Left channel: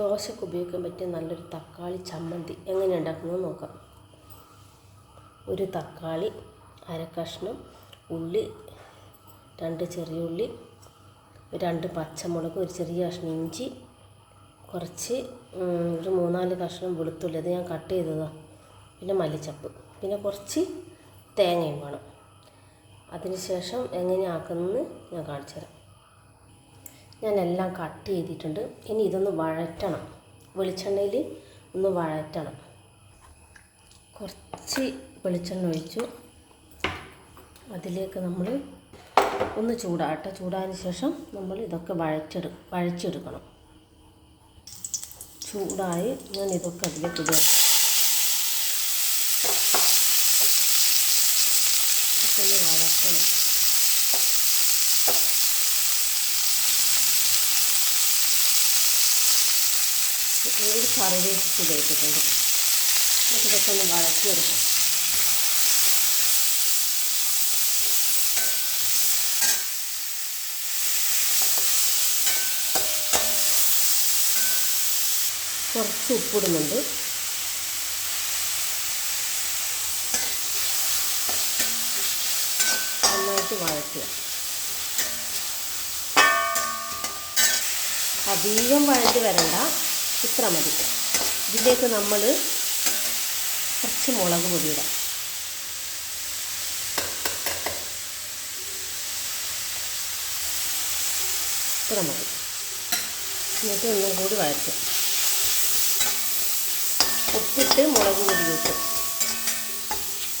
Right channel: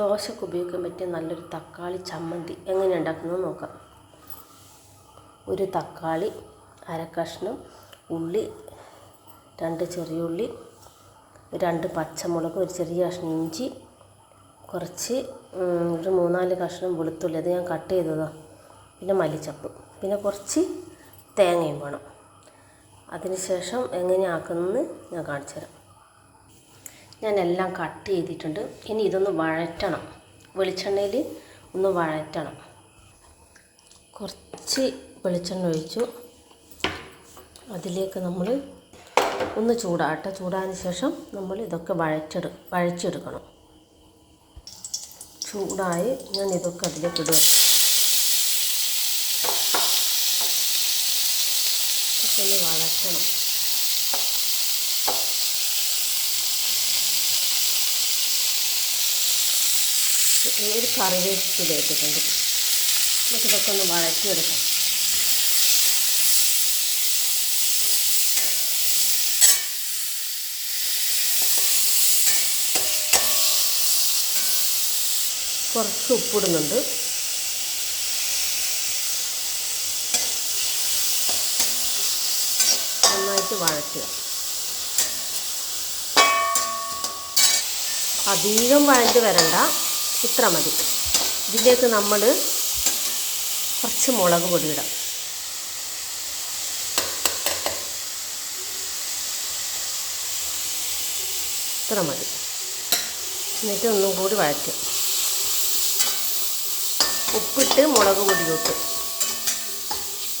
ദോശയ്ക്ക് ഉപയോഗിക്കാൻ പറ്റിയ നല്ലൊരു തക്കാളി ചമ്മന്തി എങ്ങനെ ഉണ്ടാക്കുന്നത് നോക്കാം. ഒരു തക്കാളി, അര കഷ്ണം ഉള്ളി, 2 ചെറിയ ഉള്ളി, 2 പച്ചമുളക്, ഒരു ചെറിയ കഷ്ണം ഇഞ്ചി, കുറച്ച് ഒരു 3-4 കഷ്ണം വെളുത്തുള്ളി, അത് ഞാൻ കട്ട് ചെയ്തതാണ്, പിന്നെ മല്ലിച്ചപ്പ്, പിന്നെ കുറച്ച് തേങ്ങയും വേണം. അതിനുശേഷം എങ്ങനെയാക്കുന്നത് ഞാൻ കാണിച്ചു തരാം. ഞാനെല്ലാം കട്ട് ചെയ്തിട്ടുണ്ട്. ഇനി ഇതൊന്ന് വഴറ്റണം, വെളിച്ചെണ്ണയിൽ ഒന്ന് വഴറ്റണം. കുറച്ച് വെളിച്ചെണ്ണ ഒഴിച്ചു, അതിലേക്ക് നമ്മൾ ഒന്ന് ചൂടായതിന് ശേഷം നമ്മൾ ഇതൊക്കെ വഴച്ചെടുക്കണം. ചൂടായി ഞാൻ ഇതൊക്കെ അതിലേക്ക് ഇടുക. ഇതൊക്കെ ഒന്ന് വഴറ്റണം. ഒരു കറിവേപ്പില ഇട്ടിട്ടുണ്ട്. നമുക്കിതൊക്കെ ഒന്ന് വഴറ്റിയെടുക്കാം. കുറച്ച് ഉപ്പിടുന്നുണ്ട്. നന്നായിട്ട് വഴറ്റുക. അധികം വഴറ്റി വരണ്ട, ഇത്ര മതി. ഇതിലേക്ക് നമ്മൾ കുറച്ച് മുളക് പൊടി ഇടാം. ഇത്ര മതി. എന്നിട്ട് ഒന്നും കൂടി വഴറ്റും. ഉപ്പിട്ട് മുളക് പൊടി ഇട്ട്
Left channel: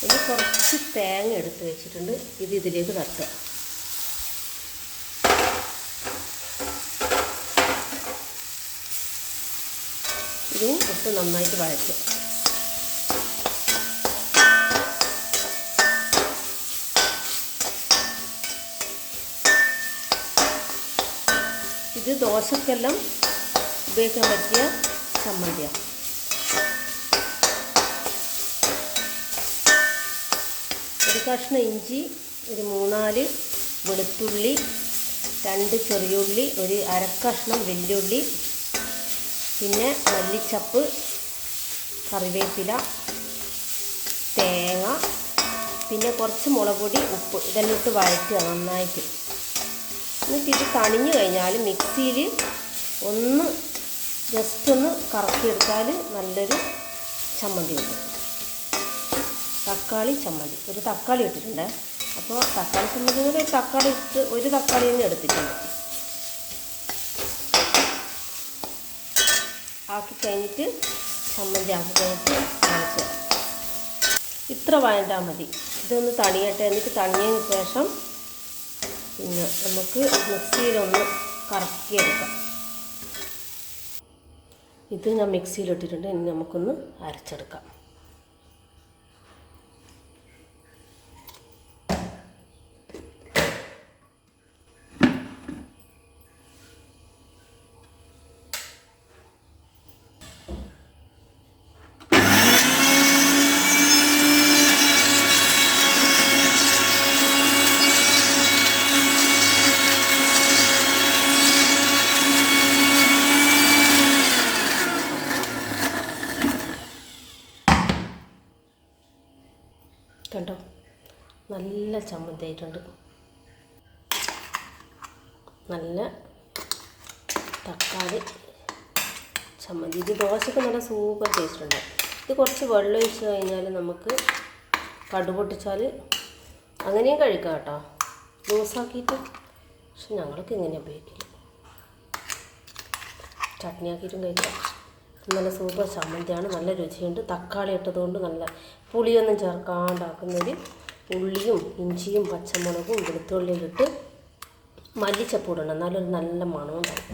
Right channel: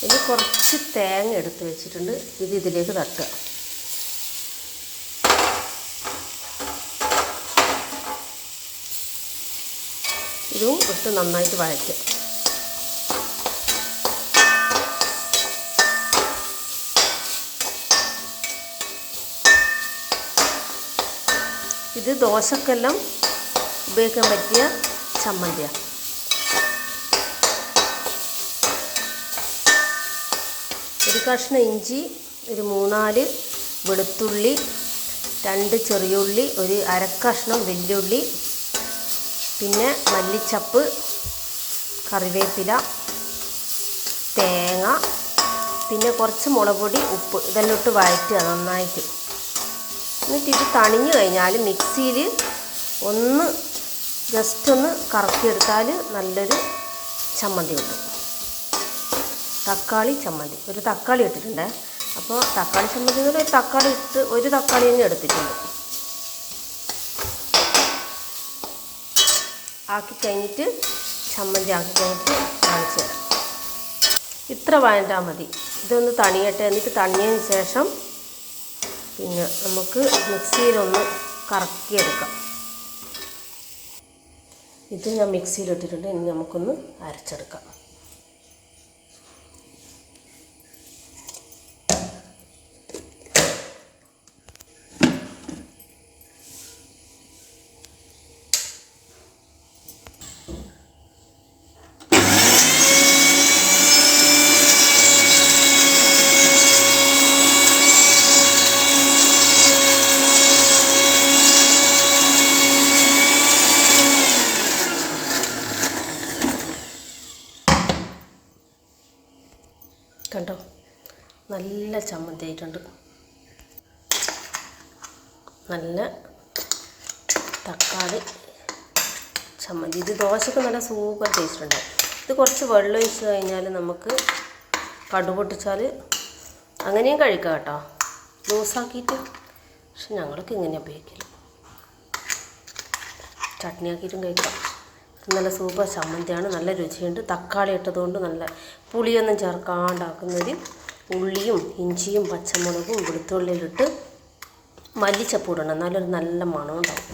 ഇനി കുറച്ച് തേങ്ങ എടുത്ത് വെച്ചിട്ടുണ്ട്. ഇതിലേക്ക് തട്ടുക. ഇതും ഇട്ട് നന്നായിട്ട് വഴറ്റുക. ഇത് ദോശക്കെല്ലാം ഉപയോഗിക്കാൻ പറ്റിയ ചമ്മന്തിയാണ്. ഒരു കഷ്ണം ഇഞ്ചി, ഒരു 3-4 വെളുത്തുള്ളി, 2 ചെറിയുള്ളി, ഒരു അര കഷ്ണം വെല്ലുള്ളി, പിന്നെ മല്ലിച്ചപ്പ്, കറിവേപ്പില, തേങ്ങ, പിന്നെ കുറച്ച് മുളക് പൊടി, ഉപ്പ്, ഇതെല്ലാം ഇട്ട് വഴറ്റുക നന്നായിട്ട്. എന്നിട്ട് ഇത് തണിഞ്ഞു കഴിഞ്ഞാൽ മിക്സിയിൽ ജസ്റ്റ് ഒന്ന് കറക്കിയെടുത്താൽ നല്ലൊരു ചമ്മന്തി കിട്ടും. തക്കാളി ചമ്മന്തി. ഒരു തക്കാളി ഇട്ടിട്ടുണ്ട്. അപ്പോൾ തക്കാളി ചമ്മന്തി എന്ന് പറഞ്ഞാൽ ഒരു തക്കാളി തന്നെ എടുത്തിട്ടുണ്ട്. ആക്കി കഴിഞ്ഞിട്ട് ചമ്മന്തി ആക്കി കഴിഞ്ഞിട്ട് കാണിച്ചു തരാം. ഇത്ര വഴറ്റാൽ മതി. ഇതൊന്ന് തണിയട്ടെ. എന്നിട്ട് തണിഞ്ഞതിന് ശേഷം പിന്നെ നമുക്ക് മിക്സിയിലൊന്ന് കറക്കിയെടുക്കാം. ഇത് ഞാൻ മിക്സിയിലിട്ടിട്ടുണ്ട്. ഇനി നമുക്കൊന്ന് അരച്ചെടുക്കാം. കണ്ടോ, നല്ല ചമ്മന്തി ആയിട്ടുണ്ട്. നല്ല തക്കാളി ചമ്മന്തി. ഇത് ദോശക്ക് നല്ല സൂപ്പർ ടേസ്റ്റ് ഉണ്ട്. ഇത് കുറച്ച് വെള്ളം ഒഴിച്ച് കഴിഞ്ഞാൽ നമുക്ക് കടുക് പൊട്ടിച്ചാൽ അങ്ങനെയും കഴിക്കാം കേട്ടോ, ലൂസാക്കിയിട്ട്. പക്ഷെ ഞങ്ങൾക്ക് ഇങ്ങനെ ഉപയോഗിക്കില്ല, ചട്നി ആക്കിയിട്ടും കഴിക്കാം. നല്ല സൂപ്പർ ചമ്മന്തിയാണ്. നല്ല രുചിയുണ്ട്. തക്കാളി ഇട്ടതുകൊണ്ട് നല്ല പുളിയൊന്നും ചേർക്കാണ്ടാക്കുന്നൊരു ഉള്ളിയും ഇഞ്ചിയും പച്ചമുളകും വെളുത്തുള്ളിയിലിട്ട് മല്ലിച്ചപ്പ് ഇടണം, എന്നാലൊരു നല്ല മണം ഉണ്ടാവും.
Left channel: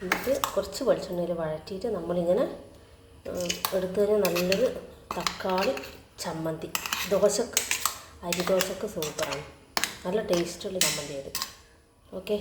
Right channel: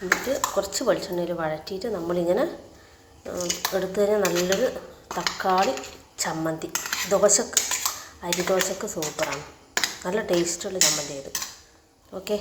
എന്നിട്ട് കുറച്ച് വെളിച്ചെണ്ണയിൽ വഴറ്റിയിട്ട് നമ്മളിങ്ങനെ എടുത്തു കഴിഞ്ഞാൽ നല്ലൊരു തക്കാളി ചമ്മന്തി. അരി ദോശക്ക് സൂപ്പറാണ്. നല്ല ടേസ്റ്റുള്ള ചമ്മന്തി ഇത്. ഓക്കെ.